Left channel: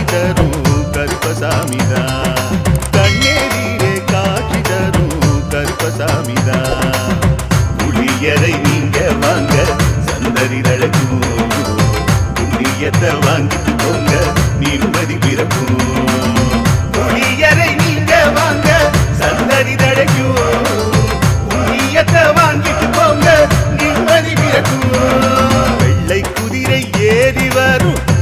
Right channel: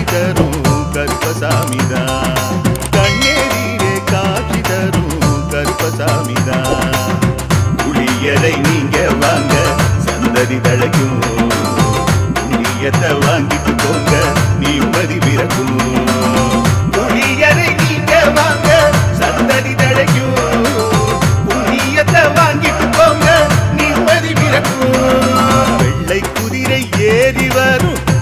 காட்சி தரும் கருப்பசாமிதா. கண்ணேரீரே காட்சி தரும் கருப்பசாமிதா. புளியரை நீங்க வாங்க சந்ததி தழைக்கும் புளியத்தை வாங்கிட்டு போங்க நீ பிறக்கும்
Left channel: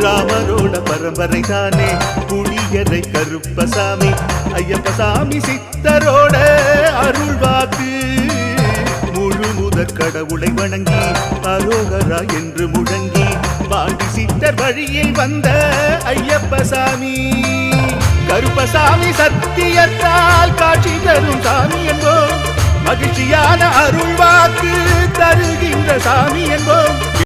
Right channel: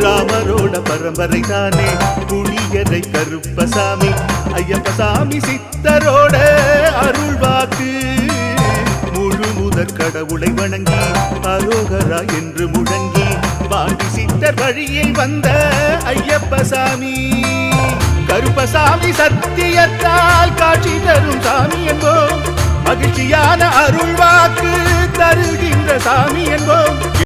ராமரோட பரம்பரை தானே புளியரை கருப்பசாமி ஐயப்பசாமி சித்தரோட அருள் வாக்கு. முழு முதற் கடவுளை வணங்கி அரோகரா என்று முழங்கி பாண்டி சித்தர் வழியில் வந்த ஐயப்பசாமி. கருப்பசாமி சத்தியத்தால் காட்சி தரும் சாமி என்போம். மகிழ்ச்சியான அருள் வாக்கு தருகின்ற சாமி என்போம்.